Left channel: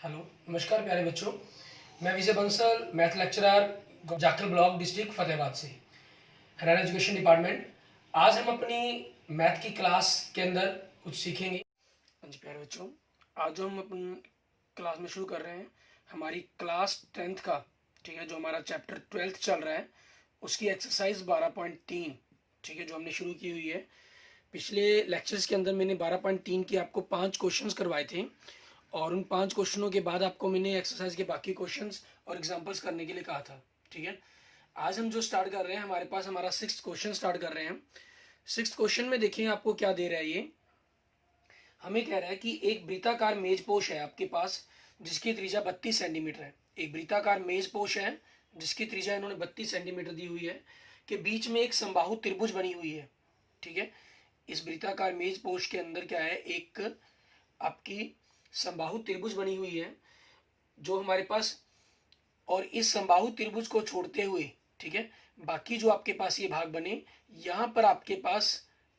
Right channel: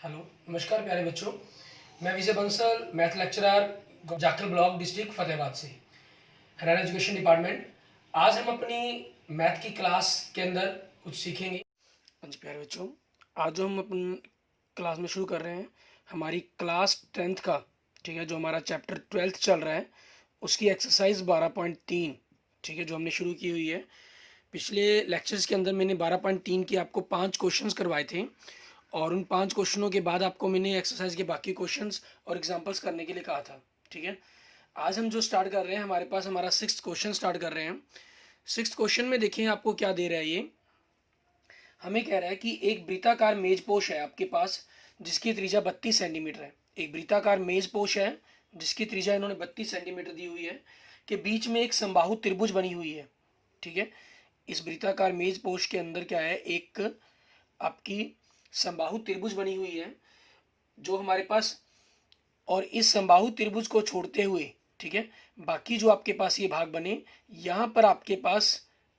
Hello, नमस्कार प्यारे बच्चों। मैं Vijay Bansal, math lecturer, Jakhal block, district Fatehabad से, हरियाणा एजुकेशन डिपार्टमेंट। आज हम अपनी मैथ की क्लास के अंदर कुछ सीखेंगे। हाँ जी प्यारे बच्चों, आज जो हम अपनी क्लास में शुरू कर रहे हैं हमारी क्लास 10th का, ठीक है, जो हमारा चैप्टर 12th चल रहा है उसकी एक्सरसाइज 12.3, ठीक है, जो हमने शुरू की हुई है। पिछले लेक्चर्स के अंदर मैंने 12.3 के आपको 5 क्वेश्चंस करवाए थे और उन 5 क्वेश्चनों के बाद आपको मैंने एक्सरसाइज के बाकी क्वेश्चंस और एग्जांपल्स करने के लिए कहा था, ठीक है। आज हम जो स्टार्ट कर रहे हैं, हमारे पास हमारा 6th क्वेश्चन स्टार्ट कर रहे हैं। 6th क्वेश्चन में देखें आपको क्या दे रहा है। ये हमें कह रहा है कि एक वृत्ताकार मेज पोश है आपके पास जिसकी त्रिज्या 32 सेंटीमीटर है। एक वृत्ताकार मेज पोश है जिसकी त्रिज्या इन्होंने 32 सेंटीमीटर दी हुई है, के बीच में एक समबाहु त्रिभुज बनी हुई है, ठीक है। इस वृत्ताकार मेज पोश के अंदर क्या है, एक आपकी समबाहु त्रिभुज बनी हुई है जो हमारे पास, और इस समबाहु त्रिभुज को छोड़ते हुए, ठीक है, बाकी जो आपके पास ये भाग बने, यहाँ पर आपके पास,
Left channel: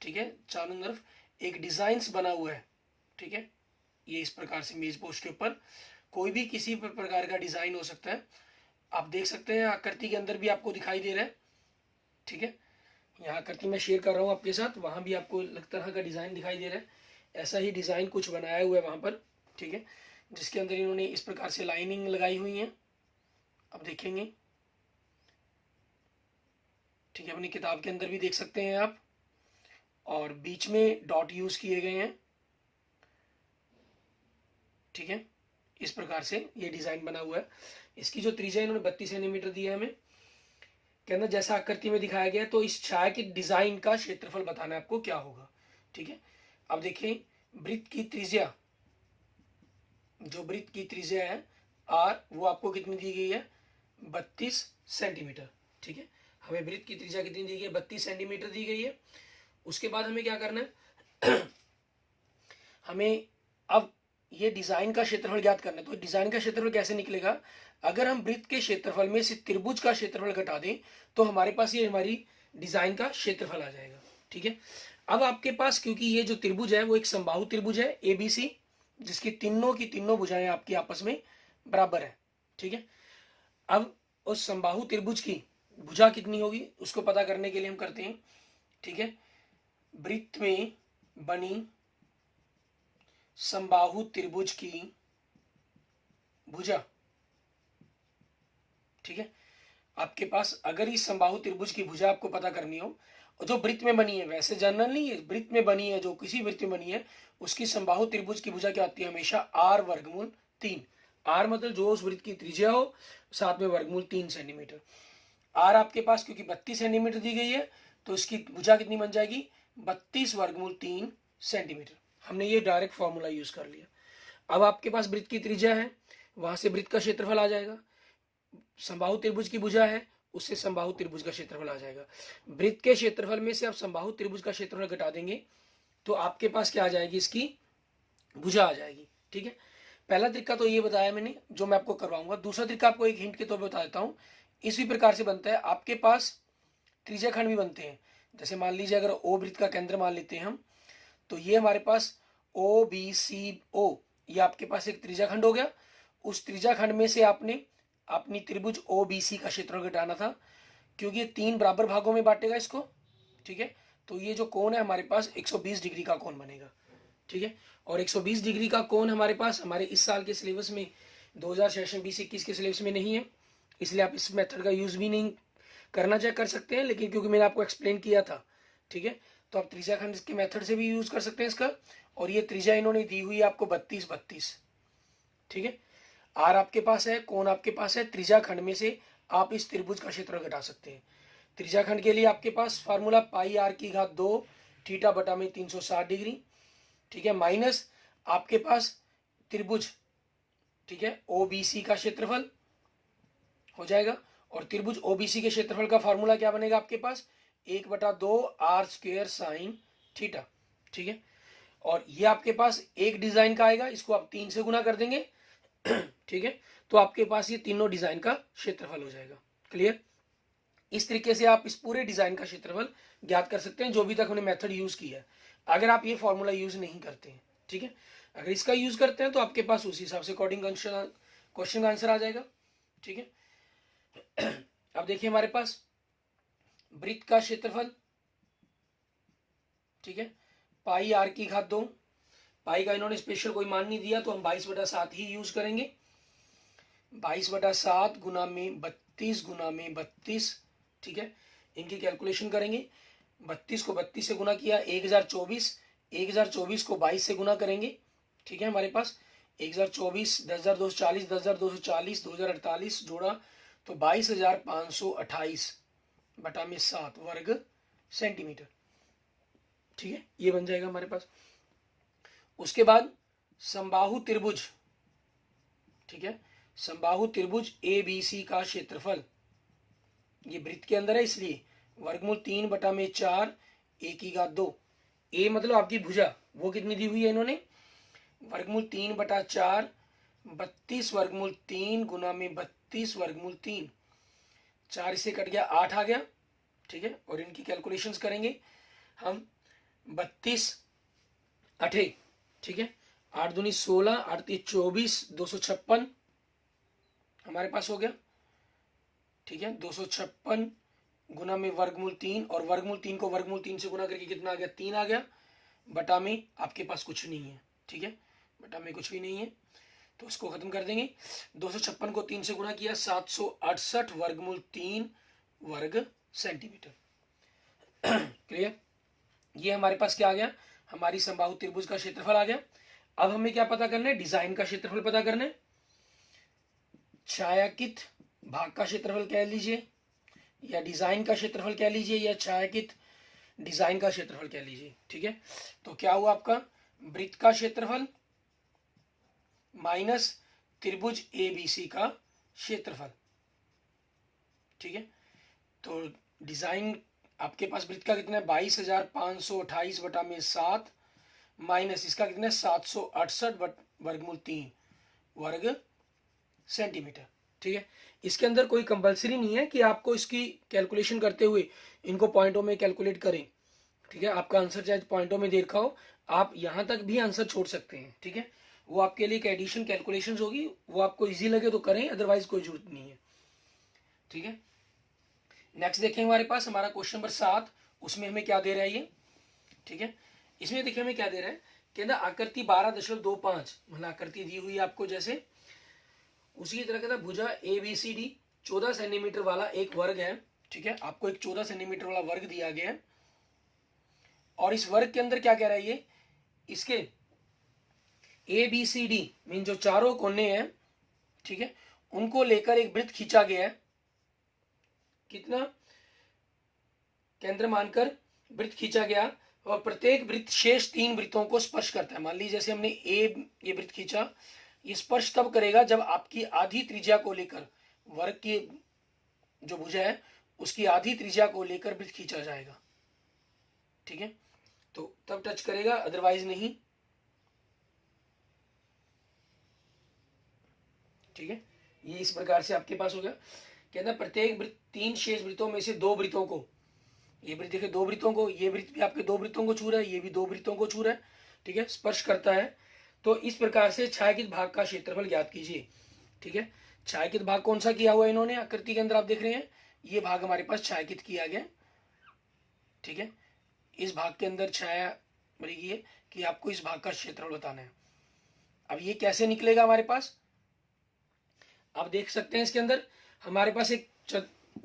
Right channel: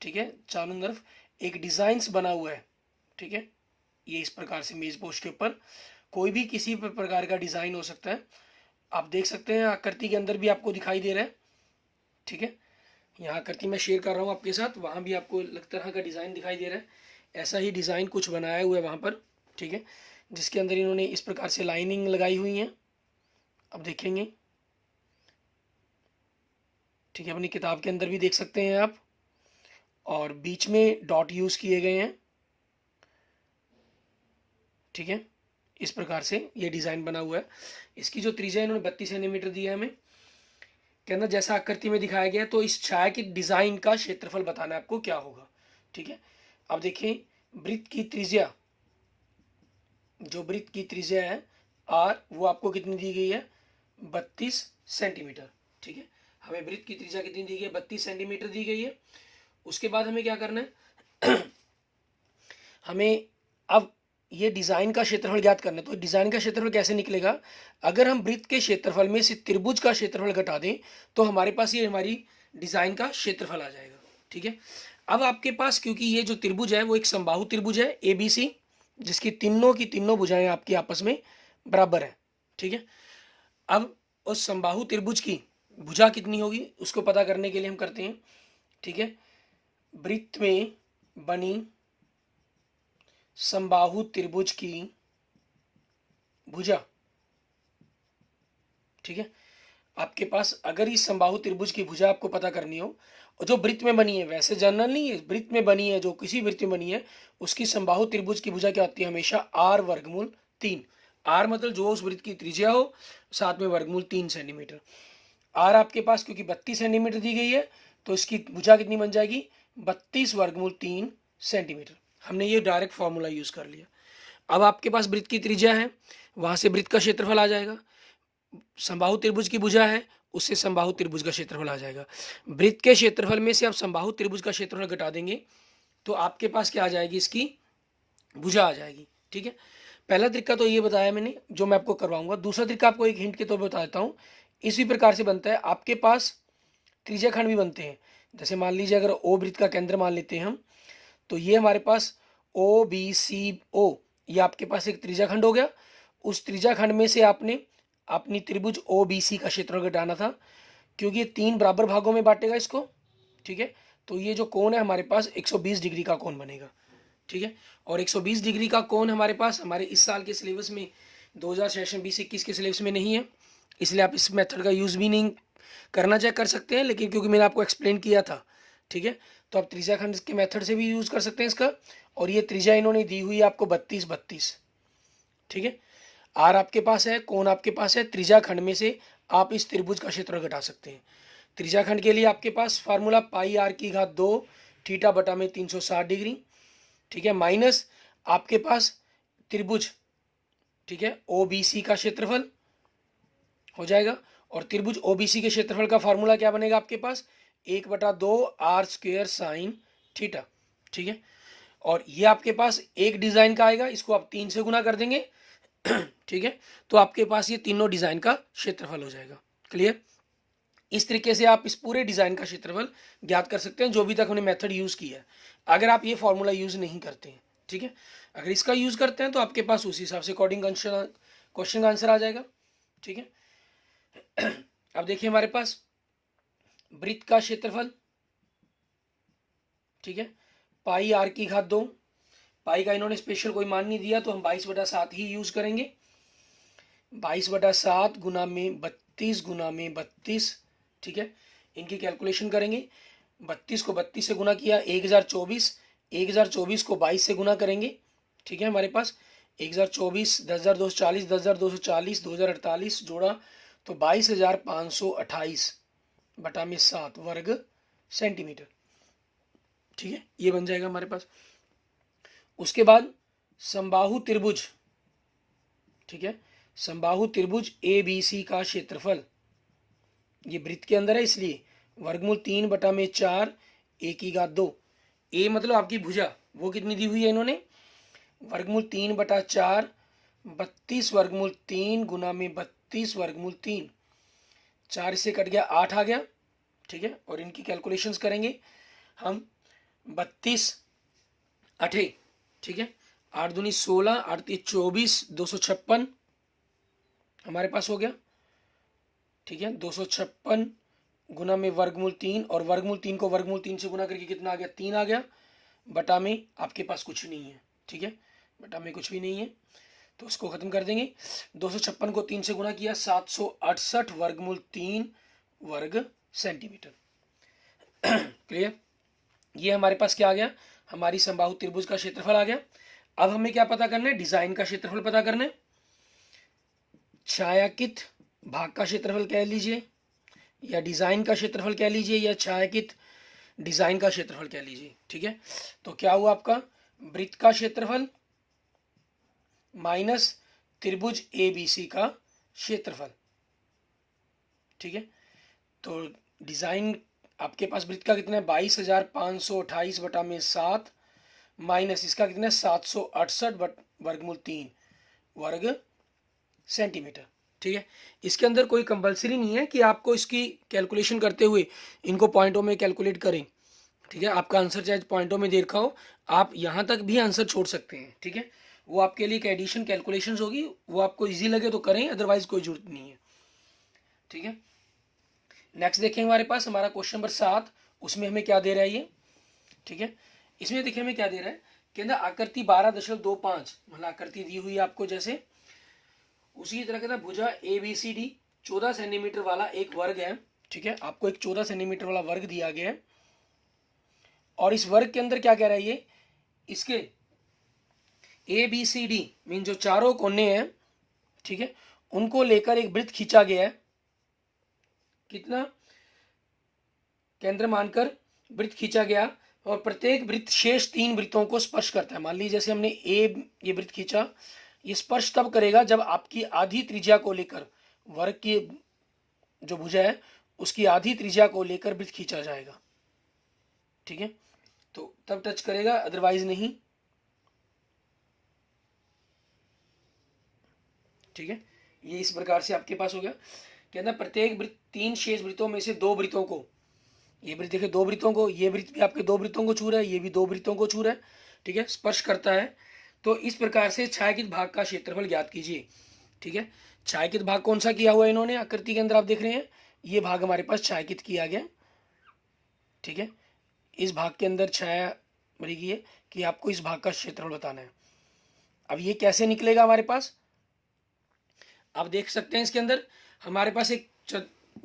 ठीक है, चारों तरफ एक डिजाइन बना हुआ है, ठीक है। ये इस प्रकार से मेज पोस्ट के ऊपर कोई भी किसी प्रकार का डिजाइन हो सकता है। आप देख सकते हैं आकृति के अंदर भी आपको दिखाई दे रहा है, ठीक है। यहाँ आकृति मैं शेयर कर रहा हूँ आपके साथ, वहां भी आपको तरह का डिजाइन दिखाई दे रहा है। ऐसा ही डिजाइन कुछ बनाया हुआ है वहां पर, ठीक है, जिसके अंदर इन्होंने इस प्रकार से लाइनिंग लगाई हुई है। अब देखेंगे, ठीक है, अपनी किताब के अंदर भी देख सकते हैं आप, और बीच में डॉट यूज किए गए हैं, ठीक है। इस प्रकार से ये डिजाइन बना हुआ है। इसकी जो त्रिज्या इन्होंने 32 सेंटीमीटर दी है हमें, के अंदर जैसा आकृति में दिखाया गया। तो इस छाया की डिजाइन का क्षेत्रफल बताना है आपको क्या होगा, ठीक है। अब देखें, वृत्त की त्रिज्या, जो वृत्त की त्रिज्या है आर, वो आपको कितनी दी गई है, 32 सेंटीमीटर, ठीक है। हमें वृत्त की त्रिज्या कितनी दी गई है, 32 सेंटीमीटर दी गई है। उसके बाद हमें क्या करना है हमें अब ये डिजाइन का क्षेत्रफल ज्ञात करना है। तो डिजाइन का क्षेत्रफल कैसे निकलेगा, अगर हम वृत्त के क्षेत्रफल में से त्रिभुज का क्षेत्रफल घटा दें तो हमारे पास ये हमारी डिजाइन का क्षेत्रफल आ जाएगा, ठीक है। अब आपके पास, क्योंकि ये जो त्रिभुज है वो एक समबाहु त्रिभुज है ABC, जिसकी तीनों की तीनों भुजाएं आपकी आपस में बराबर है, ठीक है। अब उस समबाहु त्रिभुज की भुजा कितनी होगी उसको पता करने के लिए हम करते हैं, ठीक है। वृत्त में बनी समबाहु त्रिभुज की भुजा, ठीक है। आपके पास अगर इस समबाहु त्रिभुज की भुजा आपको पता करनी हो, और जो वृत्त में बनी है, वैसे जनरल नहीं है, वृत्त में बनी है, जो किसी वृत्त में बनी है उसकी समबाहु त्रिभुज की भुजा क्या होती है, हमेशा r वर्गमूल 3। r मतलब जो उस वृत्त की त्रिज्या हो, साथ में वर्गमूल 3 सेंटीमीटर। r आपके पास क्योंकि 32 सेंटीमीटर दी गई है तो इसकी भुजा कितनी बन जाएगी, 32 वर्गमूल 3 सेंटीमीटर। हमने ये डायरेक्ट फॉर्मूला यूज कर लिया। अब आपके पास वृत्त की त्रिज्या है, वहां से वृत्त का क्षेत्रफल आ जाएगा। समबाहु त्रिभुज की भुजा है, उससे समबाहु त्रिभुज का क्षेत्रफल आ जाएगा। वृत्त के क्षेत्रफल में से आप समबाहु त्रिभुज का क्षेत्रफल घटा देंगे तो आपके पास क्या आ जाएगी, इसकी भुजा आ जाएगी, ठीक है। पहला तरीका तो ये बताया मैंने जो मैं आपको करवाऊंगा। दूसरा तरीका आपको एक हिंट के तौर पर बता देता हूँ। इसी प्रकार से बनता है, आपके पास त्रिज्या खंड भी बनते हैं। जैसे मान लीजिए अगर ओ वृत्त का केंद्र मान लेते हैं हम, तो ये हमारे पास OBCO, ये आपके पास एक त्रिज्या खंड हो गया। उस त्रिज्या खंड में से आपने अपनी त्रिभुज OBC का क्षेत्रफल घटाना था, क्योंकि ये 3 बराबर भागों में बांटेगा इसको, ठीक है। तो ये जो कोण है हमारे पास 120 डिग्री का कोण बनेगा, ठीक है। और 120 डिग्री का कोण हमारे पास हमारे इस साल के सिलेबस में 2000 सेशन 2021 के सिलेबस में नहीं है, इसलिए आप इस मेथड का यूज भी नहीं करना चाहे कर सकते हैं, लेकिन क्योंकि मैंने आपको एक्सप्लेन किया था, ठीक है, तो आप त्रिज्या खंड के मेथड से भी यूज कर सकते हैं इसका। और ये त्रिज्या इन्होंने दी हुई है आपको 32, ठीक है। आर आपके पास है, कोण आपके पास है, त्रिज्या खंड में से आप इस त्रिभुज का क्षेत्र घटा सकते हैं। त्रिज्या खंड के लिए आपके पास फार्मूला पाई r की घात 2 थीटा बटा में 360 डिग्री, ठीक है, माइनस आपके पास त्रिभुज, ठीक है, OBC का क्षेत्रफल हो जाएगा। और त्रिभुज OBC के क्षेत्रफल का फार्मूला क्या बनेगा आपके पास, 1/2 r² साइन थीटा, ठीक है। और ये आपके पास एक डिजाइन का आएगा, इसको आप 3 से गुना कर देंगे ठीक है, तो आपके पास ये तीनों डिजाइन का क्षेत्रफल हो जाएगा। क्लियर। इस तरीके से आप इस पूरे डिजाइन का क्षेत्रफल ज्ञात कर सकते हैं, जो भी तक हमने मेथड यूज किया है, अगर आप ये फॉर्मूला यूज नहीं करते हैं, ठीक है। अगर इसका यूज करते हैं तो आपके पास उसी हिसाब से अकॉर्डिंग क्वेश्चन का आंसर आ जाएगा। ठीक है, अब देखिए हमारे पास वृत्त का क्षेत्रफल, ठीक है, पाई आर की घात 2। पाई का इन्होंने स्पेशल कोई मान नहीं दिया तो हम 22/7 ही यूज करेंगे। 22/7 गुना में 32 गुना में 32, ठीक है, इनकी कैलकुलेशन करेंगे। 32 को 32 से गुना किया 1024, 1024 को 22 से गुना करेंगे। ठीक है, हमारे पास 1024, 10,240, 10,240, 2048 जोड़ा तो 22,528 बटा में 7 वर्ग सेंटीमीटर। ठीक है, ये बन जाएगा हमारे पास। उसके बाद समबाहु त्रिभुज, ठीक है, समबाहु त्रिभुज ए बी सी का क्षेत्रफल, ये वृत्त के अंदर है इसलिए वर्गमूल 3 बटा में 4 ए की घात 2। ए मतलब आपकी भुजा, वो कितनी दी हुई है इन्होंने, वर्गमूल 3 बटा 4, 32 वर्गमूल 3 गुना में 32 वर्गमूल 3, 4 से कट गया 8 आ गया। ठीक है, और इनकी कैलकुलेशंस करेंगे हम। 32 8, ठीक है, 8 दूनी 16, 8 3 24, 256 हमारे पास हो गया। ठीक है, 256 गुना में वर्गमूल 3, और वर्गमूल 3 को वर्गमूल 3 से गुना करके कितना आ गया, 3 आ गया, बटा में आपके पास कुछ नहीं है। ठीक है, बटा में कुछ भी नहीं है तो उसको खत्म कर देंगे। 256 को 3 से गुना किया 768 वर्गमूल 3 वर्ग सेंटीमीटर। क्लियर, ये हमारे पास क्या आ गया, हमारी समबाहु त्रिभुज का क्षेत्रफल आ गया। अब हमें क्या पता करना है, डिजाइन का क्षेत्रफल पता करना है। छायांकित भाग का क्षेत्रफल कह लीजिए, या डिजाइन का क्षेत्रफल कह लीजिए, या छायांकित डिजाइन का क्षेत्रफल कह लीजिए। ठीक है, तो क्या हुआ आपका, वृत्त का क्षेत्रफल माइनस त्रिभुज ए बी सी का क्षेत्रफल। ठीक है, तो डिजाइन आपके पास वृत्त का कितना है 22,528 बटा में 7 माइनस इसका कितना है 768 वर्गमूल 3 वर्ग सेंटीमीटर। ठीक है, इसके अंदर कोई कंपलसरी नहीं है कि आपको इसकी कैलकुलेशन करते हुए इनको पॉइंटों में कैलकुलेट करें। ठीक है, आपका आंसर चाहे पॉइंटों में दे रखा हो, आप यहाँ तक भी आंसर छोड़ सकते हैं। ठीक है, वो आपके लिए एक एडिशन कैलकुलेशंस होगी, वो आपको इजी लगे तो करें, अदरवाइज कोई जरूरत नहीं है। ठीक है, नेक्स्ट देखें हमारे पास हमारा क्वेश्चन नंबर 7, उसमें हमें क्या दे रहा है ये। ठीक है, इसमें देखिए हमें क्या दे रहा है, कहता आकृति 12.25 मतलब आकृति दी हुई है आपको जैसे, उसी तरह कहता भुजा A B C D 14 centimetre वाला एक वर्ग है। ठीक है, आपको एक 14 सेंटीमीटर वाला वर्ग दिया गया है, और इस वर्ग के अंदर क्या कह रहा है ये, इसके A B C D mean जो चारों कोने हैं, ठीक है, उनको लेकर एक वृत्त खींचा गया है। कितना, केंद्र मानकर वृत्त खींचा गया, और प्रत्येक वृत्त शेष 3 वृत्तों को स्पर्श करता है। मान लीजिए जैसे हमने ये वृत्त खींचा, ये स्पर्श तब करेगा जब आपकी आधी त्रिज्या को लेकर, वर्ग की जो भुजा है उसकी आधी त्रिज्या को लेकर वृत्त खींचा जाएगा। ठीक है, तो तब टच करेगा, अदरवाइज नहीं। ठीक है, ये इस प्रकार से आपके पास हो गया। कहना प्रत्येक वृत्त 3 शेष वृत्तों में से 2 वृत्तों को, ये वृत्त देखिए 2 वृत्तों को, ये वृत्त भी आपके 2 वृत्तों को छू रहा है, ये भी 2 वृत्तों को छू रहा है। ठीक है, स्पर्श करता है। तो इस प्रकार से छायांकित भाग का क्षेत्रफल ज्ञात कीजिए। ठीक है, छायांकित भाग कौन सा किया हुआ इन्होंने, आकृति के अंदर आप देख रहे हैं ये भाग हमारे पास छायांकित किया गया। ठीक है, इस भाग के अंदर छाया बनी गई है कि आपको इस भाग का क्षेत्रफल बताना है। अब ये कैसे निकलेगा हमारे पास, आप देख सकते हैं इसके अंदर हमारे पास एक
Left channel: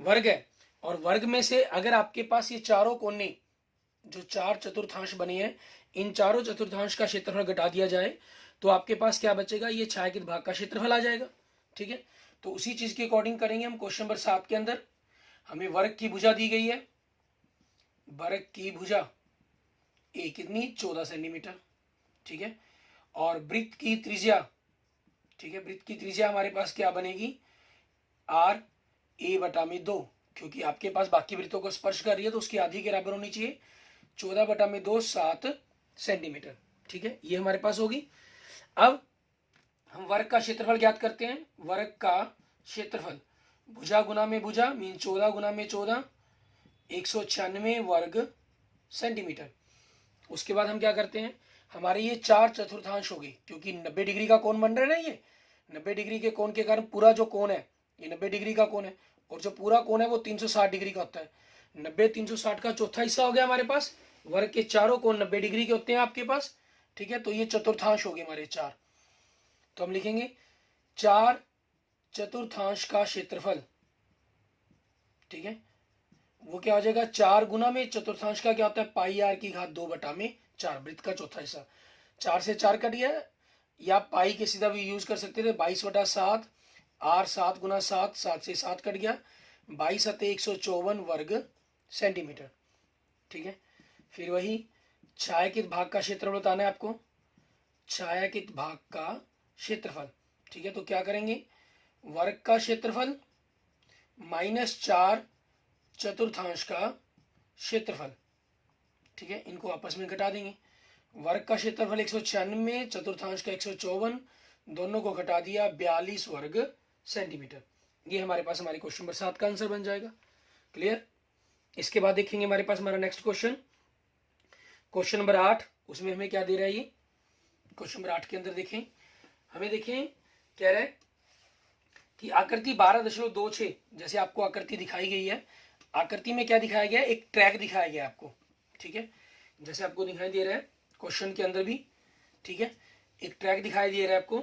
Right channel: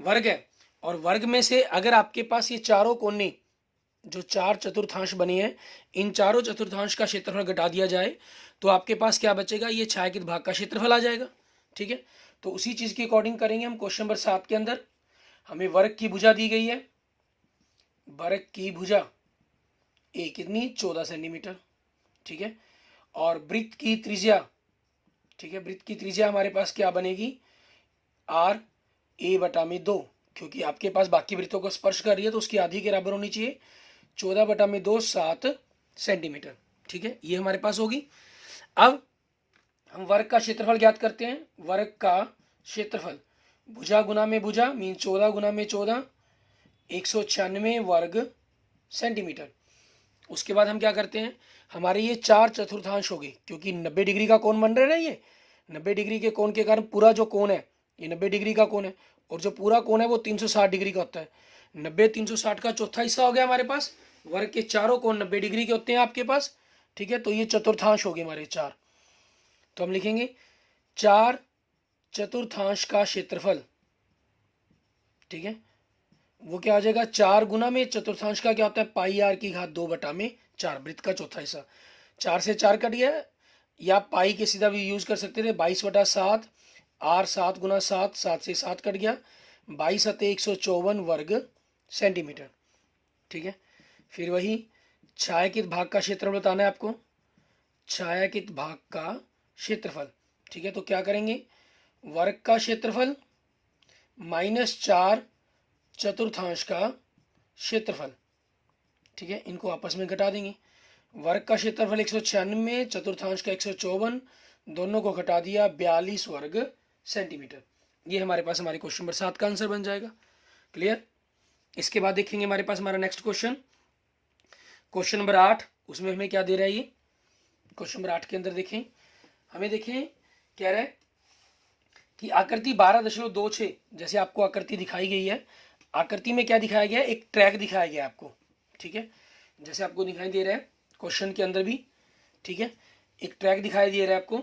वर्ग है, और वर्ग में से अगर आपके पास ये चारों कोने जो 4 चतुर्थांश बने हैं, इन चारों चतुर्थांश का क्षेत्रफल घटा दिया जाए तो आपके पास क्या बचेगा, ये छायांकित भाग का क्षेत्रफल आ जाएगा। ठीक है, तो उसी चीज के अकॉर्डिंग करेंगे हम। क्वेश्चन नंबर 7 के अंदर हमें वर्ग की भुजा दी गई है, वर्ग की भुजा ए कितनी 14 सेंटीमीटर। ठीक है, और वृत्त की त्रिज्या, ठीक है, वृत्त की त्रिज्या हमारे पास क्या बनेगी, आर ए बटा में 2, क्योंकि आपके पास बाकी वृत्तों को स्पर्श कर रही है तो उसकी आधी के बराबर होनी चाहिए। 14 बटा में 2 7 सेंटीमीटर। ठीक है, ये हमारे पास होगी। अब हम वर्ग का क्षेत्रफल ज्ञात करते हैं। वर्ग का क्षेत्रफल भुजा गुना में भुजा मीन 14 गुना में 14, 196 वर्ग सेंटीमीटर। उसके बाद हम क्या करते हैं, हमारे ये 4 चतुर्थांश हो गए, क्योंकि 90 डिग्री का कोण बन रहा है ना, ये 90 डिग्री के कोण के कारण पूरा जो कोण है ये 90 डिग्री का कोण है, और जो पूरा कोण है वो 360 डिग्री का होता है। 90 360 का चौथा हिस्सा हो गया हमारे पास। वर्ग के चारों कोण 90 डिग्री के होते हैं आपके पास, ठीक है। तो ये चतुर्थांश हो गए हमारे 4। तो हम लिखेंगे 4 चतुर्थांश का क्षेत्रफल, ठीक है, वो क्या हो जाएगा 4 गुना में चतुर्थांश का क्या होता है पाई आर की घात 2/4, वृत्त का चौथा हिस्सा। 4 से 4 कट गया, या पाई के सीधा भी यूज कर सकते थे, 22/7, आर 7 गुना 7, 7 से 7 कट गया, 22 × 154 वर्ग सेंटीमीटर, ठीक है। फिर वही छायांकित भाग का क्षेत्रफल बताना है आपको, छायांकित भाग का क्षेत्रफल, ठीक है। तो क्या करेंगे, वर्ग का क्षेत्रफल -4 चतुर्थांश का क्षेत्रफल, ठीक है, इनको आपस में घटा देंगे। वर्ग का क्षेत्रफल 196, चतुर्थांश का 154, दोनों को घटा दिया 42 वर्ग सेंटीमीटर। ये हमारे पास हमारे क्वेश्चन नंबर 7 का आंसर बन जाएगा। क्लियर। इसके बाद देखेंगे हमारे पास हमारा नेक्स्ट क्वेश्चन, क्वेश्चन नंबर 8। उसमें हमें क्या दे रहा है, ये क्वेश्चन नंबर 8 के अंदर देखें, हमें देखें कह रहा है कि आकृति 12.26, जैसे आपको आकृति दिखाई गई है, आकृति में क्या दिखाया गया है, एक ट्रैक दिखाया गया है आपको, ठीक है, जैसे आपको दिखाई दे रहा है क्वेश्चन के अंदर भी, ठीक है। एक ट्रैक दिखाई दे रहा है आपको,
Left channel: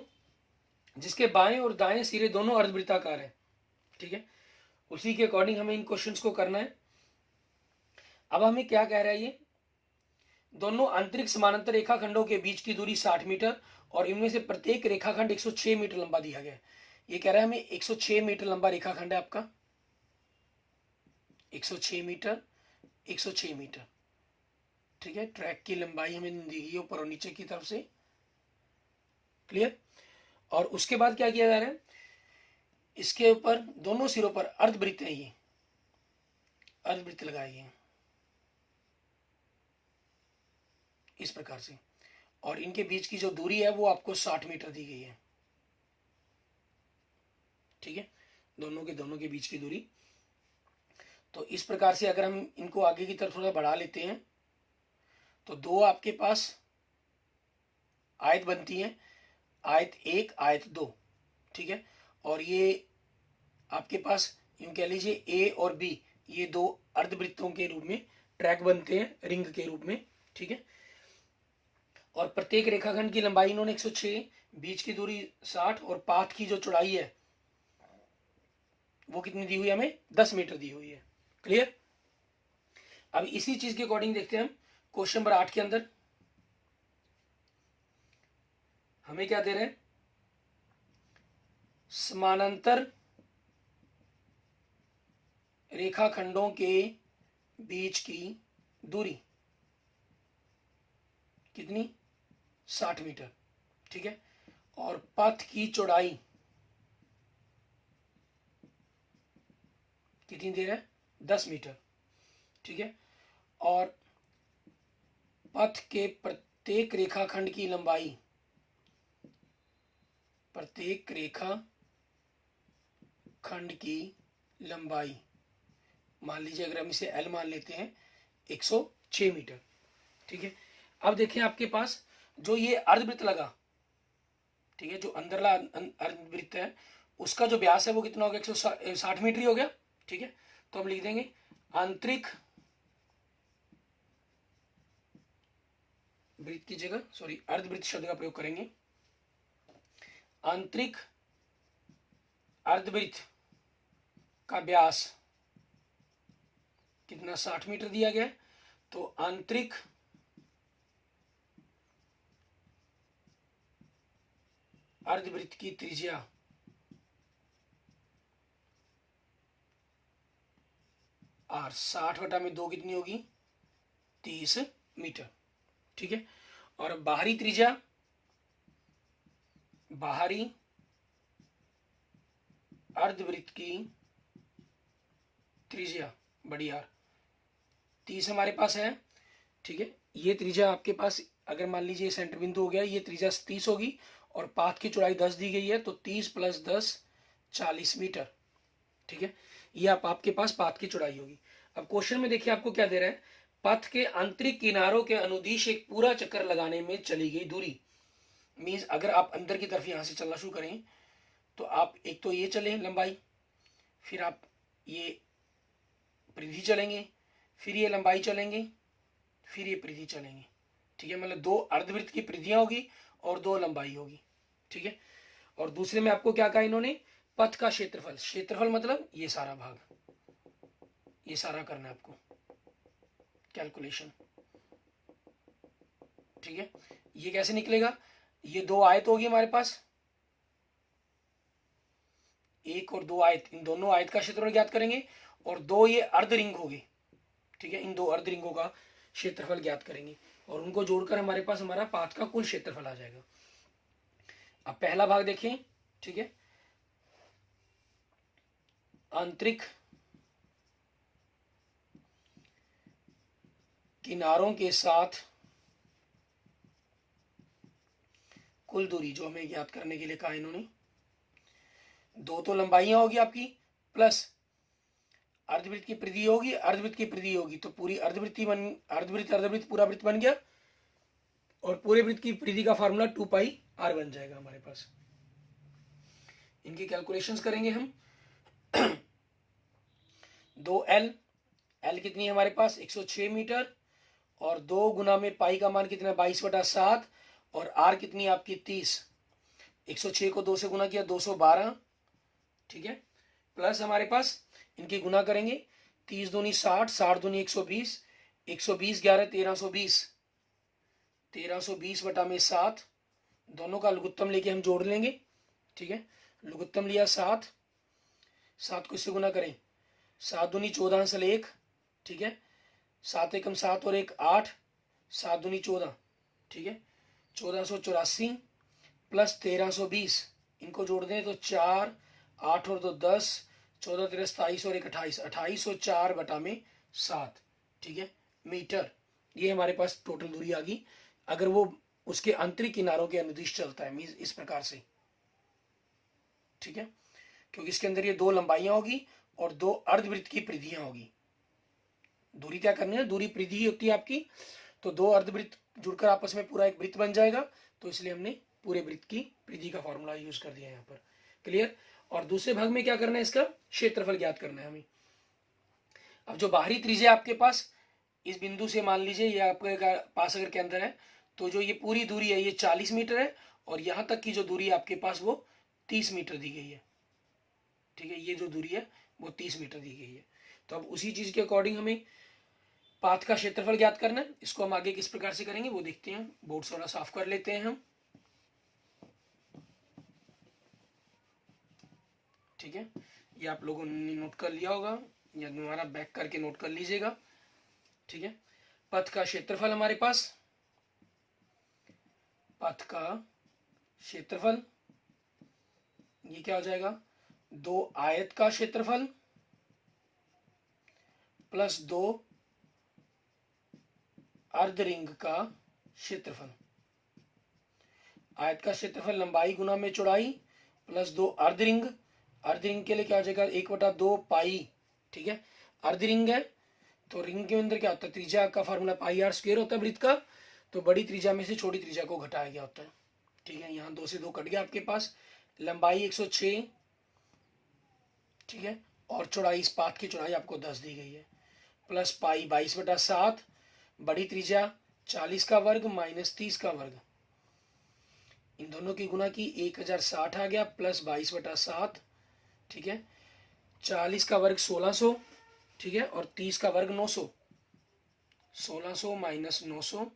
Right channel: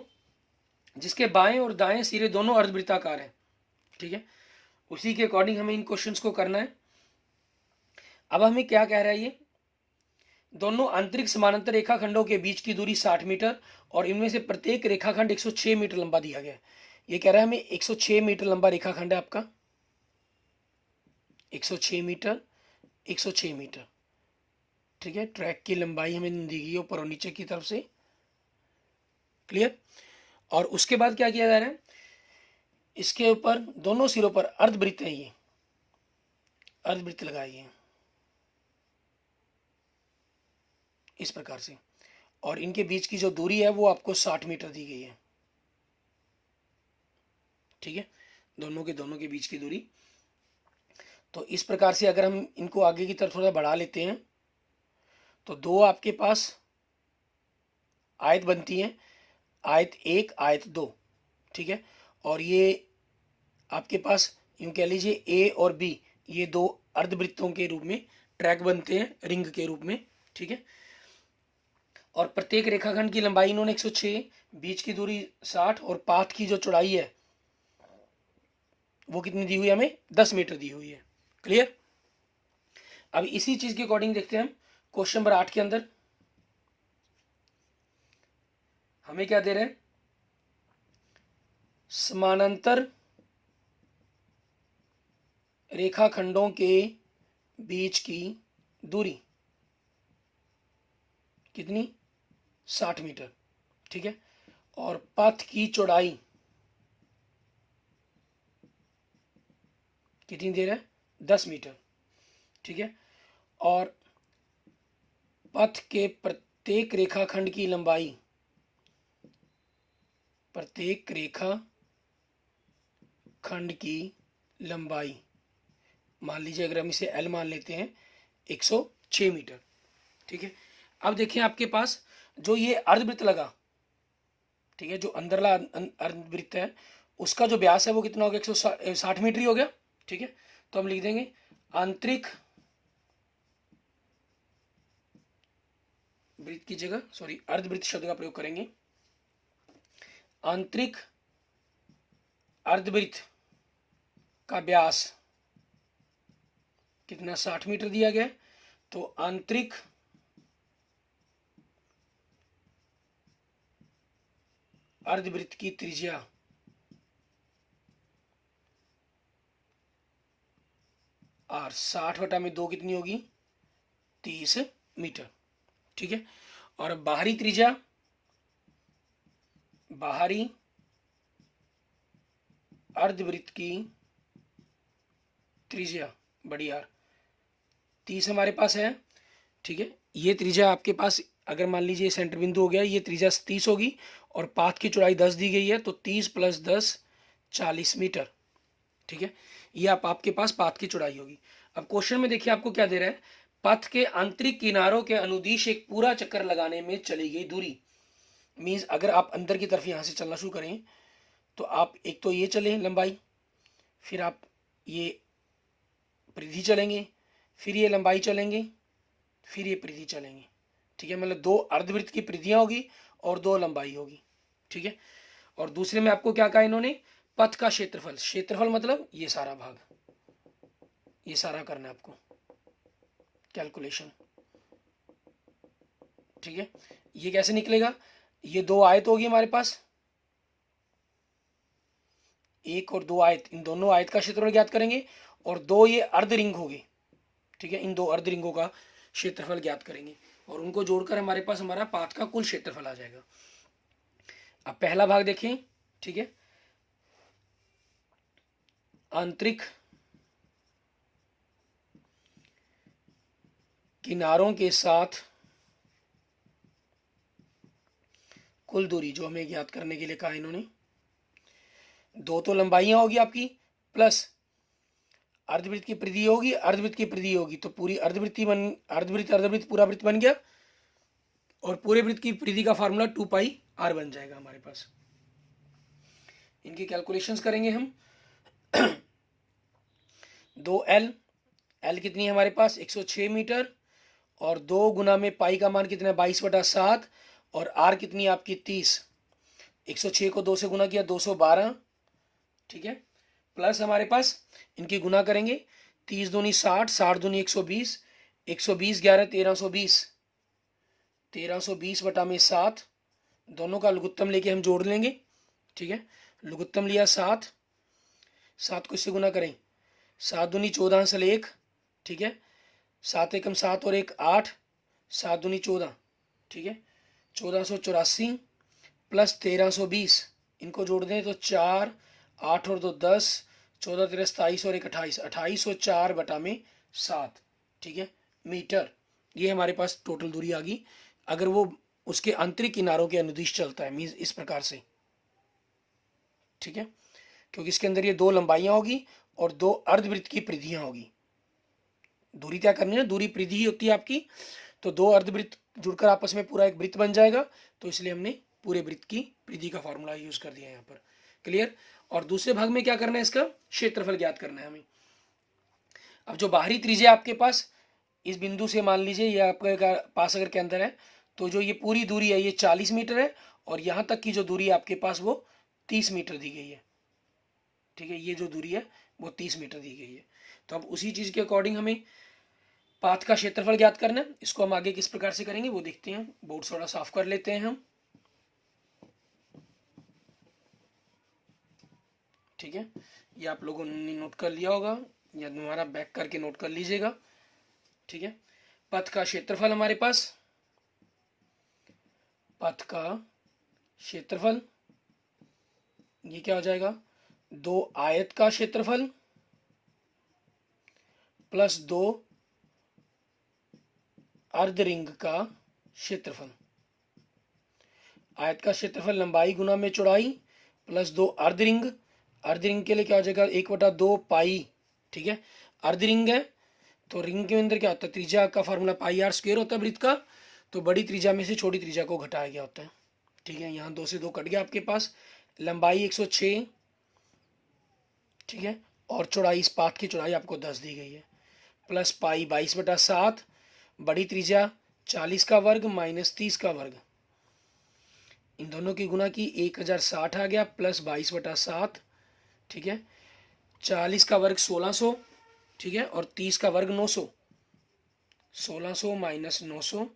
जिसके बाएं और दाएं सिरे दोनों अर्धवृत्ताकार है, ठीक है। उसी के अकॉर्डिंग हमें इन क्वेश्चंस को करना है। अब हमें क्या कह रहा है, ये दोनों आंतरिक समानांतर रेखाखंडों के बीच की दूरी 60 मीटर और इनमें से प्रत्येक रेखाखंड 106 मीटर लंबा दिया गया है। ये कह रहा है हमें 106 मीटर लंबा रेखाखंड है आपका, 106 मीटर, 106 मीटर, ठीक है। ट्रैक की लंबाई हमें दी गई ऊपर और नीचे की तरफ से। क्लियर। और उसके बाद क्या किया जा रहा है, इसके ऊपर दोनों सिरों पर अर्धवृत्त है, ये अर्धवृत्त लगाइए इस प्रकार से, और इनके बीच की जो दूरी है वो आपको 60 मीटर दी गई है, ठीक है, दोनों के बीच की दूरी। तो इस प्रकार से अगर हम इनको आगे की तरफ थोड़ा बढ़ा लेते हैं तो दो आपके पास आयत बनती हैं, आयत 1, आयत 2, ठीक है। और ये आपके पास यूं कह लीजिए ए और बी, ये दो अर्धवृत्तों के रूप में ट्रैक बनते हैं, रिंग के रूप में, ठीक है। और प्रत्येक रेखाखंड की लंबाई इन्होंने 106, बीच की दूरी 60 और पाथ की जो चौड़ाई है वो कितनी दी हुई है, हमें 10 मीटर दी हुई है। क्लियर। अब इसी चीज के अकॉर्डिंग देखते हैं हम क्वेश्चन नंबर 8 के अंदर हमें क्या दे रहे हैं, समानांतर रेखाखंडों के बीच की दूरी कितनी, 60 मीटर, ठीक है। और पथ की चौड़ाई कितनी दे रहा है, 10 मीटर, ठीक है। और पथ के प्रत्येक रेखाखंड की लंबाई, प्रत्येक रेखा खंड की लंबाई मान लीजिए, अगर हम इसे एल मान लेते हैं, 106 मीटर, ठीक है। अब देखिए आपके पास जो ये अर्धवृत्त लगा, ठीक है, जो अंदरला अर्धवृत्त है उसका जो व्यास है वो कितना हो गया, 160 मीटर ही हो गया, ठीक है। तो हम लिख देंगे आंतरिक वृत्त की जगह अर्धवृत्त शब्द का प्रयोग करेंगे, आंतरिक अर्धवृत्त का व्यास कितना, 60 मीटर दिया गया। तो आंतरिक अर्धवृत्त की त्रिज्या आर 60/2 कितनी होगी, 30 मीटर, ठीक है। और बाहरी त्रिज्या, बाहरी अर्धवृत्त की त्रिज्या बड़ी आर 30 हमारे पास है, ठीक है। ये त्रिज्या आपके पास अगर मान लीजिए सेंटर बिंदु हो गया, ये त्रिज्या 30 होगी और पाथ की चौड़ाई 10 दी गई है, तो 30 + 10 40 मीटर, ठीक है। ये आपके पास पाथ की चौड़ाई होगी। अब क्वेश्चन में देखिए आपको क्या दे रहा है, पथ के आंतरिक किनारों के अनुदिश एक पूरा चक्कर लगाने में चली गई दूरी। मीन्स अगर आप अंदर की तरफ यहाँ से चलना शुरू करें तो आप एक तो ये चलें लंबाई, फिर आप ये परिधि चलेंगे, फिर ये लंबाई चलेंगे, फिर ये परिधि चलेंगे। ठीक है, मतलब 2 अर्धवृत्त की परिधियां होगी और 2 लंबाई होगी। ठीक है, और दूसरे में आपको क्या कहा इन्होंने, पथ का क्षेत्रफल। क्षेत्रफल मतलब ये सारा भाग, ये सारा करना है आपको कैलकुलेशन। ठीक है, ये कैसे निकलेगा, ये 2 आयत होगी हमारे पास, 1 और 2 आयत, इन दोनों आयत का क्षेत्रफल ज्ञात करेंगे, और 2 ये अर्ध रिंग होगी। ठीक है, इन 2 अर्ध रिंगों का क्षेत्रफल ज्ञात करेंगे और उनको जोड़कर हमारे पास हमारा पाथ का कुल क्षेत्रफल आ जाएगा। अब पहला भाग देखें। ठीक है, आंतरिक किनारों के साथ कुल दूरी जो हमें ज्ञात करने के लिए कहा इन्होंने, 2 तो लंबाइयां होगी आपकी, प्लस अर्धवृत्त की परिधि होगी, अर्धवृत्त की परिधि होगी, तो पूरी अर्धवृत्ति बन, अर्धवृत्त अर्धवृत्त पूरा वृत्त बन गया, और पूरे वृत्त की परिधि का फार्मूला 2πr बन जाएगा हमारे पास। इनकी कैलकुलेशंस करेंगे हम। 2l, l कितनी है हमारे पास 106 मीटर, और 2 गुना में पाई का मान कितना है 22/7, और r कितनी है आपकी 30। 106 को 2 से गुना किया 212। ठीक है, प्लस हमारे पास इनकी गुना करेंगे, 30 दूनी 60, 60 दूनी 120, 120 11 1320, 1320 बटा में 7, दोनों का लघुत्तम लेके हम जोड़ लेंगे। ठीक है, लघुत्तम लिया 7, 7 को इससे गुना करें, 7 दूनी 14 सल 1। ठीक है, 7 एकम 7 और 1 8, 7 दूनी 14। ठीक है, 1484 प्लस 1320, इनको जोड़ दें तो 4, 8 और 2 10, 14 13 27 और 1 28, 2804 बटा में 7। ठीक है, मीटर। ये हमारे पास टोटल दूरी आ गई अगर वो उसके आंतरिक किनारों के अनुदिश चलता है, मीन्स इस प्रकार से। ठीक है, क्योंकि इसके अंदर ये 2 लंबाइयां होगी और 2 अर्धवृत्त की परिधियां होगी। दूरी क्या करनी है, दूरी परिधि होती है आपकी, तो 2 अर्धवृत्त जुड़कर आपस में पूरा एक वृत्त बन जाएगा, तो इसलिए हमने पूरे वृत्त की परिधि का फॉर्मूला यूज कर दिया यहाँ पर। क्लियर। और दूसरे भाग में क्या करना है, इसका क्षेत्रफल ज्ञात करना है हमें। अब जो बाहरी त्रिज्या आपके पास इस बिंदु से मान लीजिए ये आपके पास अगर के अंदर है, तो जो ये पूरी दूरी है ये 40 मीटर है, और यहाँ तक की जो दूरी आपके पास वो 30 मीटर दी गई है। ठीक है, ये जो दूरी है वो 30 मीटर दी गई है। तो अब उसी चीज के अकॉर्डिंग हमें पाथ का क्षेत्रफल ज्ञात करना है। इसको हम आगे किस प्रकार से करेंगे वो देखते हैं। बोर्ड थोड़ा साफ कर लेते हैं हम। ठीक है, ये आप लोगों ने नोट कर लिया होगा या दोबारा बैक करके नोट कर लीजिएगा। ठीक है, पथ का क्षेत्रफल हमारे पास, पथ का क्षेत्रफल ये क्या हो जाएगा, 2 आयत का क्षेत्रफल प्लस 2 अर्ध रिंग का क्षेत्रफल। आयत का क्षेत्रफल लंबाई गुना में चौड़ाई प्लस 2 अर्ध रिंग। अर्ध रिंग के लिए क्या हो जाएगा 1/2 पाई। ठीक है, अर्ध रिंग है तो रिंग के अंदर क्या होता है, त्रिज्या का फॉर्मूला πr² होता है वृत्त का, तो बड़ी त्रिज्या में से छोटी त्रिज्या को घटाया गया होता है। ठीक है, यहाँ 2 से 2 कट गया आपके पास। लंबाई 106, ठीक है, और चौड़ाई, इस पाथ की चौड़ाई आपको 10 दी गई है, प्लस पाई 22/7, बड़ी त्रिज्या 40 का वर्ग माइनस 30 का वर्ग, इन दोनों की गुना की 1060 आ गया, प्लस 22/7। ठीक है, 40 का वर्ग 1600, ठीक है, और 30 का वर्ग 900, 1600 माइनस 900,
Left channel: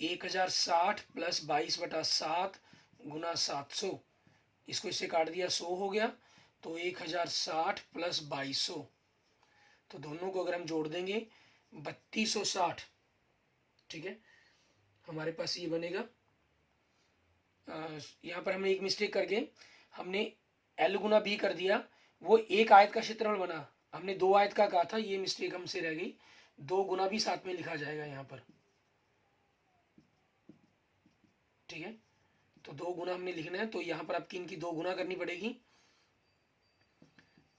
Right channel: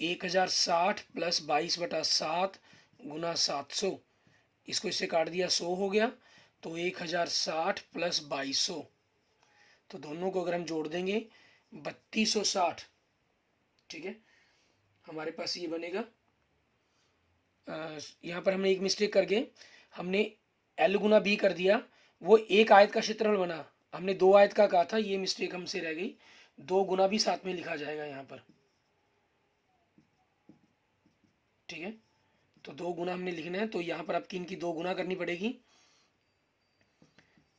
1060 प्लस 22/7 गुना 700, इसको इससे काट दिया 100 हो गया, तो 1060 प्लस 2200, तो दोनों को अगर हम जोड़ देंगे 3260। ठीक है, हमारे पास ये बनेगा। यहाँ पर हमने एक मिस्टेक करके हमने L गुना B कर दिया, वो एक आयत का क्षेत्रफल बना, हमने 2 आयत का कहा था, ये मिस्टेक हमसे रह गई। 2 गुना भी साथ में लिखा जाएगा यहाँ पर। ठीक है, तो 2 गुना हमने लिखना है, तो यहाँ पर आपकी इनकी 2 गुना करनी पड़ेगी।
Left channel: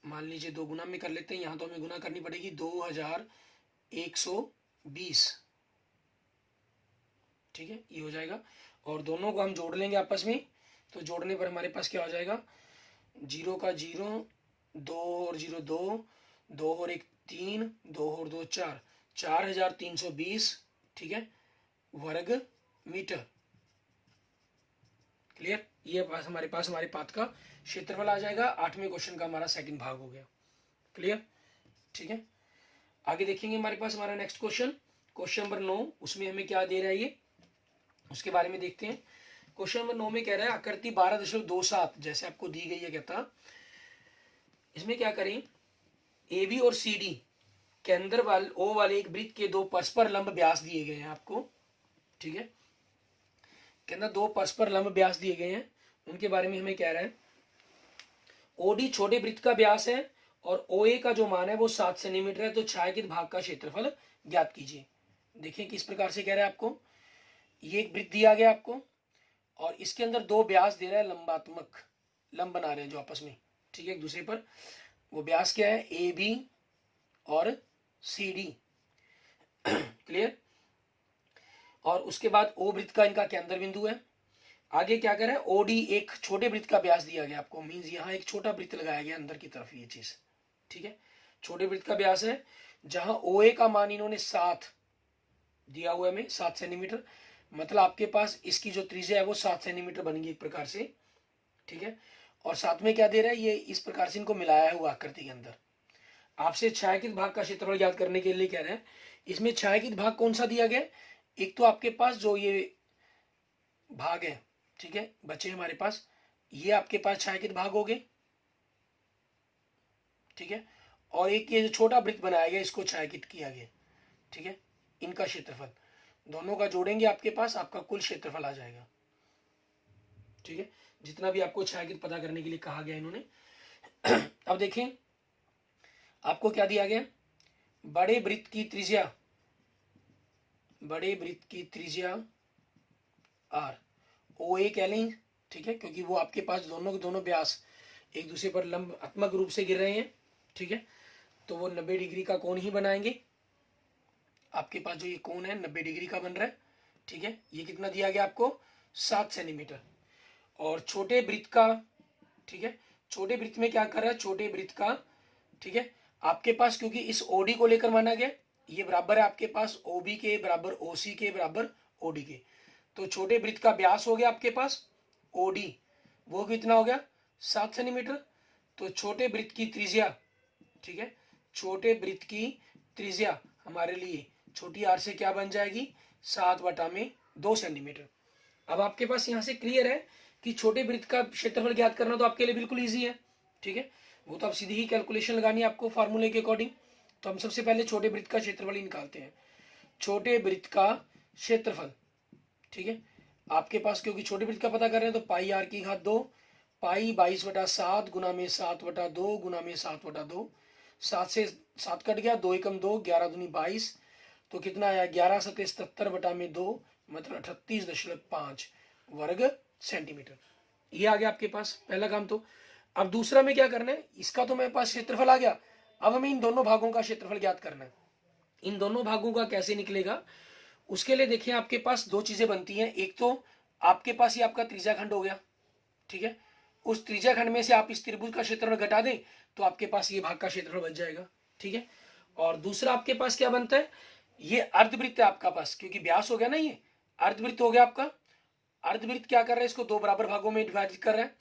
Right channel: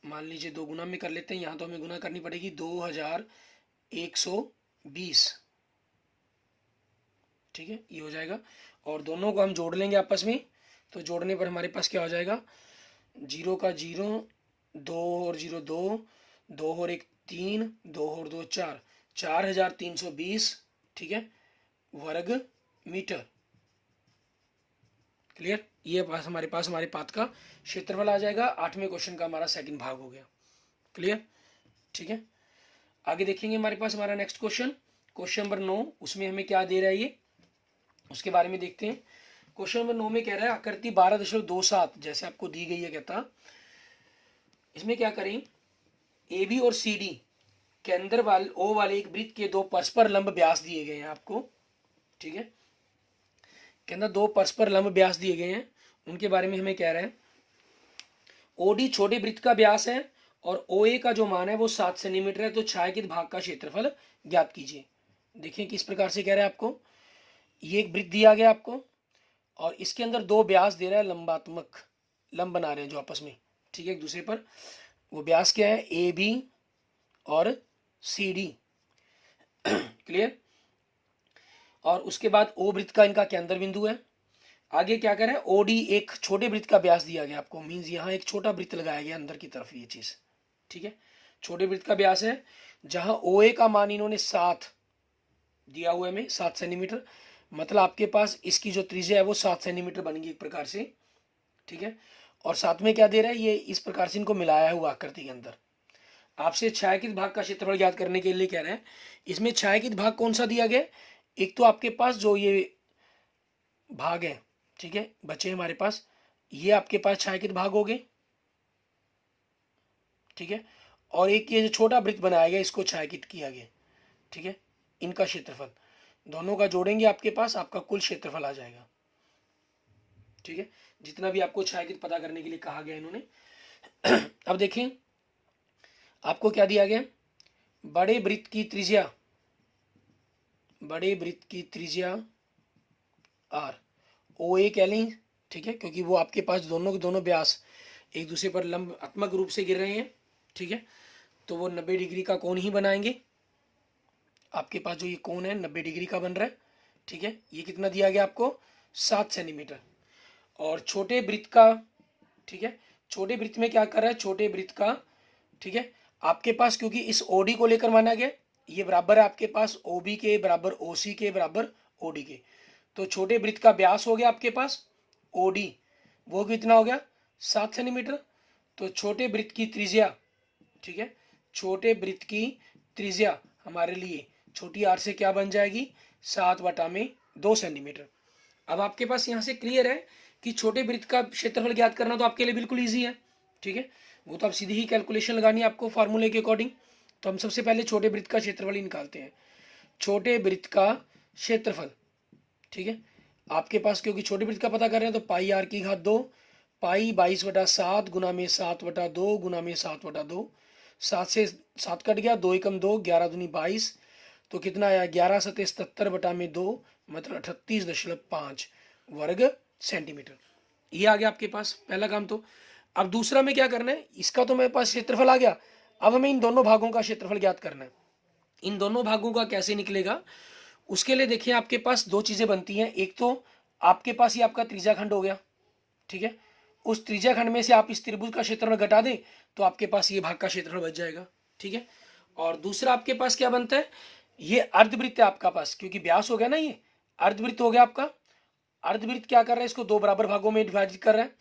मान लीजिए 2 गुना में कर लेते हैं, यहाँ तो हमें गुना करनी पड़ेगी 2100 20, ठीक है, ये हो जाएगा। और दोनों को हम जोड़ लेंगे आपस में, तो जोड़ने पर हमारे पास क्या हो जाएगा, 0 का 0, 2 और 0 2, 2 और 1 3, 2 और 2 4, 4320, ठीक है, वर्ग मीटर। क्लियर, ये पास हमारे पाथ का क्षेत्रफल आ जाएगा। 8वें क्वेश्चन का हमारा सेकंड भाग हो गया। क्लियर, ठीक है। आगे देखेंगे हमारे पास हमारा नेक्स्ट क्वेश्चन, क्वेश्चन नंबर 9, उसमें हमें क्या दे रहा है ये, उसके बारे में देखते हैं। क्वेश्चन नंबर 9 में कह रहा है आकृति 12.27 जैसे आपको दी गई है, कहता इसमें क्या करें, ए बी और सी डी के अंदर वाले ओ वाले एक वृत्त के दो परस्पर लंब व्यास दिए गए हैं आपको, ठीक है, के अंदर दो परस्पर लंब व्यास दिए गए हैं, उनके बारे में हमें कह रहा है। ओडी छोटे वृत्त का व्यास है और ओ ए का जो मान है वो 7 सेंटीमीटर है, तो छायांकित भाग का क्षेत्रफल ज्ञात कीजिए। देखिए किस प्रकार से कह रहा है आपको, ये एक वृत्त दिया गया आपको और इसके अंदर दो व्यास दे रहा है, लंबात्मक लंब बना रहे हैं जो आपस में, ठीक है, एक दूसरे पर। वो व्यास क्या है, ए बी और सी डी। क्लियर, और उसके बाद ओ वृत्त का इनका केंद्र बिंदु है। आगे क्या कर रहा है, ओडी एक छोटे वृत्त का व्यास दिया गया आपको, मींस यहाँ एक छोटा वृत्त लगाया गया अंदर की तरफ, ये चीज, ठीक है, छोटे वृत्त का व्यास है, जहां ओ ए का मान इन्होंने 7 दिया हुआ है, 7 सेंटीमीटर, मतलब आपके पास इसकी जो त्रिज्या है वो 7 सेंटीमीटर बनेगी एक प्रकार से, ठीक है। और साथ में क्या दे रहा है, ये इस प्रकार से इनको मिलाया हुआ आकृति के अंदर। आपसे छायांकित भाग का क्षेत्रफल ज्ञात करने के लिए कह रहे हैं। इसमें छायांकित भाग कौन सा दिया गया, एक तो आपके पास जो ये भाग है, ठीक है, बचे हमारे पास, ये आपके पास छायांकित भाग हो गए, ठीक है, और एक ये जो छोटा वृत्त बनाया गया इसको छायांकित किया गया, ठीक है, इनका क्षेत्रफल दोनों का जोड़ेंगे आपके पास आपका कुल क्षेत्रफल आ जाएगा, ठीक है, जितना भी आपको छायांकित पता करने के लिए कहा गया इन्होंने। अब देखें आपको क्या दिया गया, बड़े वृत्त की त्रिज्या, बड़े वृत्त की त्रिज्या आर, ओ ए कह लें, ठीक है, क्योंकि वो आपके पास दोनों के दोनों व्यास एक दूसरे पर लंबात्मक रूप से गिर रहे हैं, ठीक है, तो वो 90 डिग्री का कोण ही बनाएंगे। आपके पास जो ये कोण है 90 डिग्री का बन रहा है, ठीक है, ये कितना दिया गया आपको, 7 सेंटीमीटर। और छोटे वृत्त का, ठीक है, छोटे वृत्त में क्या कर रहा है, छोटे वृत्त का, ठीक है, आपके पास क्योंकि इस ओडी को लेकर माना गया, ये बराबर है आपके पास ओबी के बराबर ओसी के बराबर ओडी के, तो छोटे वृत्त का व्यास हो गया आपके पास ओडी, वो कितना हो गया 7 सेंटीमीटर। तो छोटे वृत्त की त्रिज्या, ठीक है, छोटे वृत्त की त्रिज्या हमारे लिए छोटी आर से क्या बन जाएगी, 7/2 सेंटीमीटर। अब आपके पास यहाँ से क्लियर है कि छोटे वृत्त का क्षेत्रफल ज्ञात करना तो आपके लिए बिल्कुल ईजी है, ठीक है, वो तो आप सीधी ही कैलकुलेशन लगानी है आपको फार्मूले के अकॉर्डिंग। तो हम सबसे पहले छोटे वृत्त का क्षेत्रफल ही निकालते हैं। छोटे वृत्त का क्षेत्रफल, ठीक है, आपके पास क्योंकि छोटे वृत्त का पता कर रहे हैं तो पाई आर की घात 2, पाई 22/7 गुना में 7/2 गुना में 7/2, 7 से 7 कट गया, 2 एकम 2, 11 दूनी 22, तो कितना आया 11 सतह 77/2, मतलब 38.5 वर्ग सेंटीमीटर। ये आ गया आपके पास पहला काम। तो अब दूसरा में क्या करना है, इसका तो मेरे पास क्षेत्रफल आ गया, अब हमें इन दोनों भागों का क्षेत्रफल ज्ञात करना है। इन दोनों भागों का कैसे निकलेगा, उसके लिए देखिए आपके पास दो चीजें बनती हैं। एक तो आपके पास ये आपका त्रिज्या खंड हो गया, ठीक है, उस त्रिज्या खंड में से आप इस त्रिभुज का क्षेत्रफल घटा दें तो आपके पास ये भाग का क्षेत्रफल बच जाएगा, ठीक है। और दूसरा आपके पास क्या बनता है, ये अर्धवृत्त है आपका पास, क्योंकि व्यास हो गया ना, ये अर्धवृत्त हो गया आपका। अर्धवृत्त क्या कर रहा है, इसको दो बराबर भागों में विभाजित कर रहा है,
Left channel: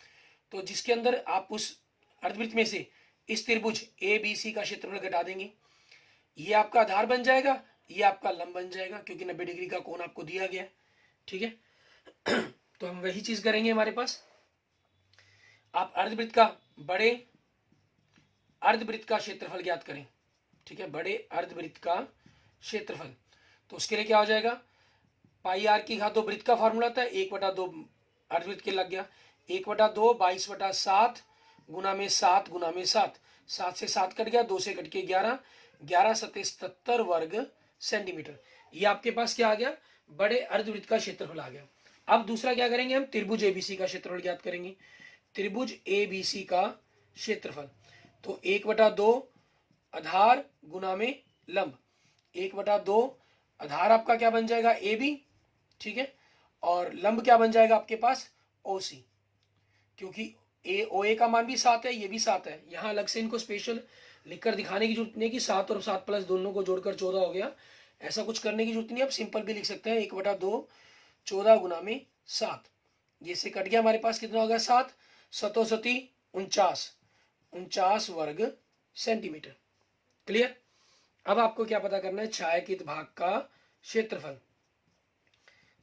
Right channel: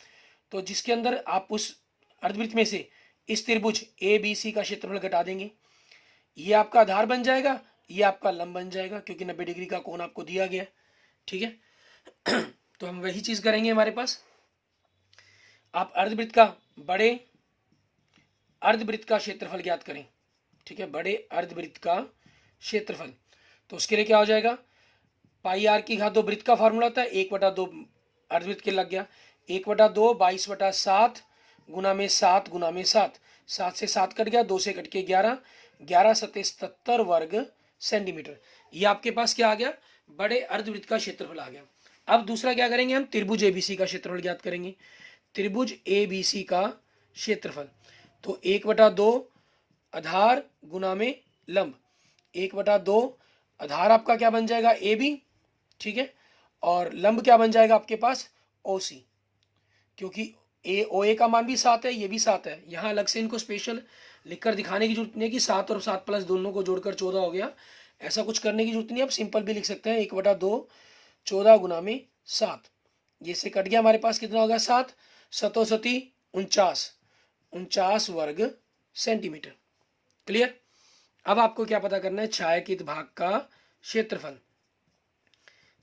तो जिसके अंदर आप उस अर्धवृत्त में से इस त्रिभुज ए बी सी का क्षेत्रफल घटा देंगे, ये आपका आधार बन जाएगा, ये आपका लंब बन जाएगा, क्योंकि 90 डिग्री का कोण आपको दिया गया, ठीक है। तो हम वही चीज करेंगे हमारे पास। आप अर्धवृत्त का बड़े अर्धवृत्त का क्षेत्रफल ज्ञात करें, ठीक है, बड़े अर्धवृत्त का क्षेत्रफल। तो उसके लिए क्या हो जाएगा, पाई आर की घात 2 वृत्त का फॉर्मूला था, 1/2 अर्धवृत्त के लग गया, 1/2 22/7 गुना में 7 गुना में 7, 7 से 7 कट गया, 2 से कट के 11, 11 सतह 77 वर्ग सेंटीमीटर। ये आपके पास क्या आ गया, बड़े अर्धवृत्त का क्षेत्रफल आ गया। अब दूसरा क्या करेंगे, हम त्रिभुज एबीसी का क्षेत्रफल ज्ञात करेंगे। त्रिभुज एबीसी का क्षेत्रफल, तो 1/2 आधार गुना में लंब, 1/2 आधार आपका क्या बन जाएगा ए बी, ठीक है, और लंब क्या बन जाएगा आपके पास ओ सी, क्योंकि ए ओ ए का मान भी 7 है, ये भी 7 है। यहाँ अलग से इनको स्पेशल लिखकर दिखाने की जरूरत नहीं है कि 7 और 7 प्लस दोनों को जोड़कर 14 हो गया, ऐसा कुछ करने की जरूरत नहीं है। आप सिंपल भी लिख सकते हैं 1/2 14 गुना में 7, ये से कट गया हमारे पास कितना होगा 7 सतो सती 49 वर्ग सेंटीमीटर। क्लियर। अब आपको क्या पता करना है, छायांकित भाग का क्षेत्रफल।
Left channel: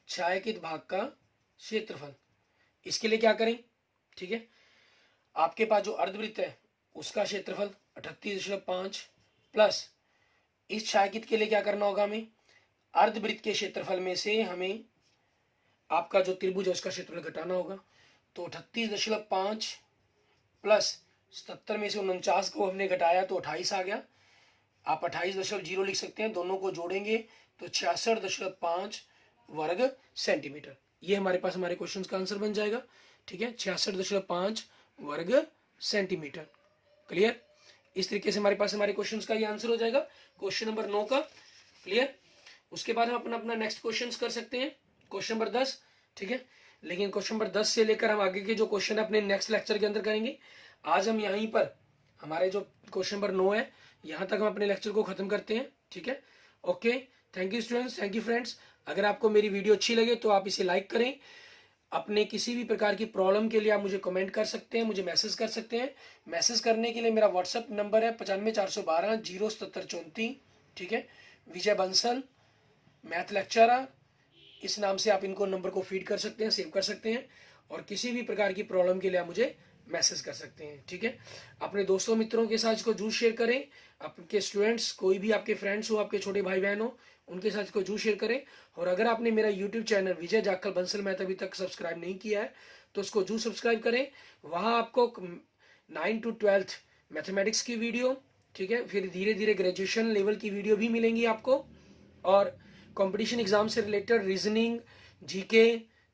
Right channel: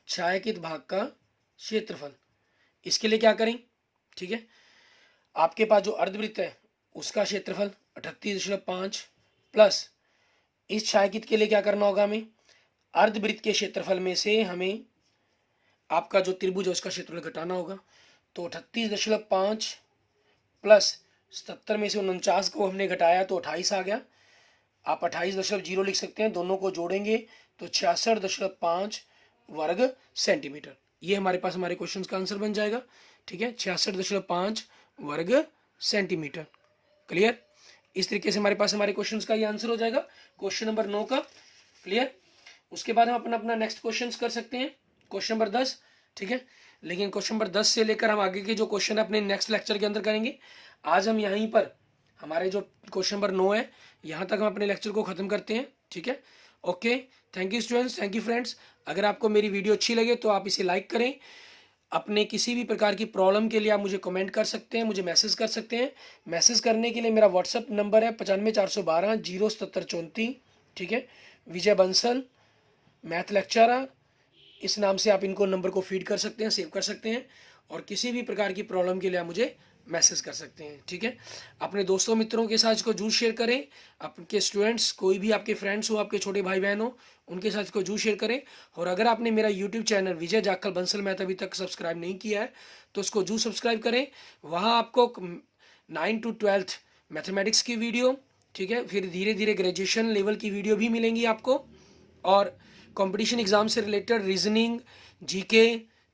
छायांकित भाग का क्षेत्रफल, इसके लिए क्या करें, ठीक है, आपके पास जो अर्धवृत्त है उसका क्षेत्रफल 38.5 प्लस इस छायांकित के लिए क्या करना होगा हमें, अर्धवृत्त के क्षेत्रफल में से हमें आपका जो त्रिभुज है उसका क्षेत्रफल घटाना होगा। तो 38.5 प्लस 77 में से 49 को हमने घटाया तो 28 आ गया। आप 28.0 लिख सकते हैं, दोनों को जोड़ेंगे तो 66.5 वर्ग सेंटीमीटर। ये हमारे पास हमारे क्वेश्चन का आंसर बन जाएगा, ठीक है, 66.5 वर्ग सेंटीमीटर। क्लियर। इस तरीके से हमारे पास हमारे क्वेश्चन का ये आंसर हो जाएगा क्वेश्चन नंबर 9 का। क्लियर। उसके बाद हम अपना नेक्स्ट क्वेश्चन कर सकते हैं क्वेश्चन नंबर 10, ठीक है, लेकिन क्वेश्चन नंबर 10 से लेकर हम आगे के जो क्वेश्चन है अपने नेक्स्ट लेक्चर के अंदर करेंगे। आज हम यहीं पर हमारे जो क्वेश्चन नंबर 9 है यहाँ तक हम अपने लेक्चर को खत्म करते हैं, ठीक है। Okay, thank you students, thank you friends. अगर आपको मेरी वीडियो अच्छी लगे तो आप इसे लाइक करें। अपने किसी भी प्रकार की प्रॉब्लम के लिए आप मुझे कमेंट कर सकते हैं, मुझे मैसेज कर सकते हैं। मैसेज करने के लिए मेरा व्हाट्सअप नंबर है 95 412 077 34, ठीक है। विजय बंसल मैथ लेक्चरर, इस नाम से आप इनको नंबर को फीड कर सकते हैं, सेव कर सकते हैं, और किसी भी प्रकार की प्रॉब्लम के लिए आप मुझे मैसेज कर सकते हैं, ठीक है। अपने दोस्तों मित्रों के साथ इसको जरूर शेयर करें। आपके स्टूडेंट्स, कोई भी आपके फ्रेंड्स हो, आपके छोटे भाई बहन हो, उनके साथ इसको जरूर शेयर करें। और अगर आपने मेरा यूट्यूब चैनल विजय जाखल बंसल मैथ अभी तक सब्सक्राइब नहीं किया है तो उसको जरूर सब्सक्राइब करें। वहाँ आपको 9 to 12 मैथमेटिक्स की वीडियो, ठीक है, फिर धीरे धीरे ग्रेजुएशन लेवल की वीडियो भी मिलेंगी आपको, और कंपटीशन एग्जाम से रिलेटेड रीजनिंग, जीके,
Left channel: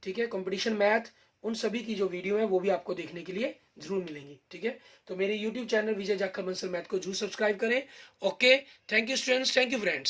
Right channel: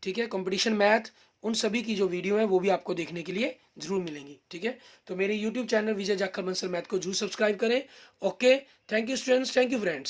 ठीक है, कंपटीशन मैथ, उन सभी की जो वीडियो है वो भी आपको देखने के लिए जरूर मिलेंगी, ठीक है। तो मेरे यूट्यूब चैनल विजय जाखल बंसल मैथ को जरूर सब्सक्राइब करें। Okay, thank you students, thank you friends.